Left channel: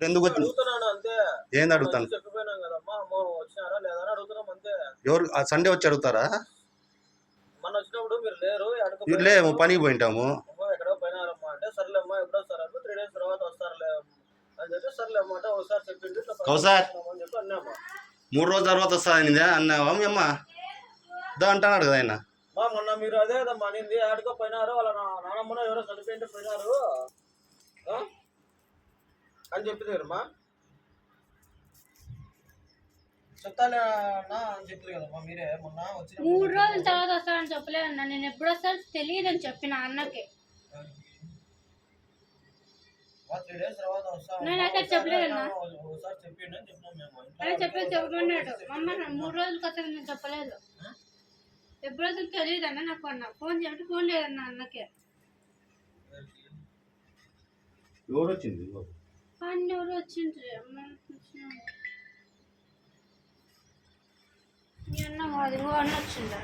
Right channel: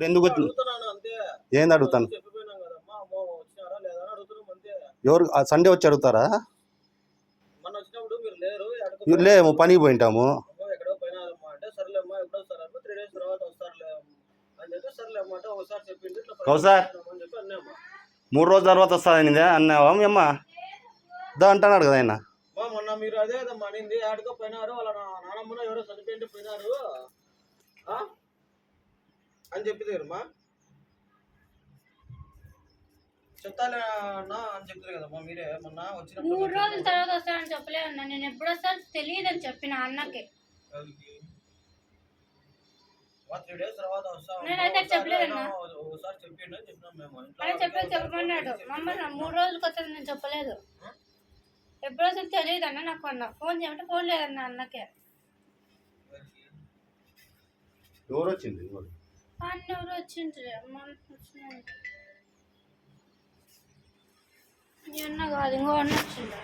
ఇప్పుడు ఎందుకు అడుగుతున్నాను అంతే. ఏంది అడుగుతాను? చెప్పిపోయినాం కదమ్మా, అమ్మ వచ్చినారా లేదా అని అడుగుతున్నాం అంతే. ఎవరు సండే వచ్చి అడుగుతారా? మన వచ్చినప్పుడు మీరు లేరు, లేము, పనికి పోయింటాము. ఎక్కడో పోయినారమ్మా అంటే సర్లేమ్మా ఎప్పుడు వస్తారు 3 days తర్వాత వస్తారులే అని చెప్పి సర్లేమ్మా అంటే ఒకసారి చెప్పింది అని చెప్పి అన్నామ్మా. 3 రోజుల తర్వాత వస్తానని అన్నావా మీ అమ్మ? దా అంటున్నాడు కదా ఆయన. మొన్న మీరు అదే కదమ్మా అనింది, ఆడుకో పోయినారు వాళ్ళ నానమ్మనో ఎవరో చనిపోయింటే పోయినారు అని చెప్పింది కదమ్మా. చెప్తాలేనా అని చెప్తారు కదమ్మా మీరే. మొన్న వచ్చిన 3 రోజుల తర్వాత వస్తానని చెప్పలేదన్నా. నేను ఎప్పుడు వస్తాను తెలియదని చెప్పిన అన్నకి. 3 days తర్వాత వస్తాను నేనైతే చెప్పలేదన్నా. ఒకసారి చెప్పిండు అని చెప్పినాం మేము. అది చెప్పమన్నాడు మమ్మ. 3 రోజులకి వస్తుంది నేను చెప్పలేదు. ఎప్పుడు వస్తుంది తెలియదు అన్న నాకు అన్న. ఫోన్ చేయమంటే ఫోన్ లేదన్న అన్నకే. ఎవరు వచ్చింది? అన్న ఎవరు వచ్చిండ్రు అమ్మ వచ్చిన. అన్న కాదు ఇంకో అన్న వచ్చిండు.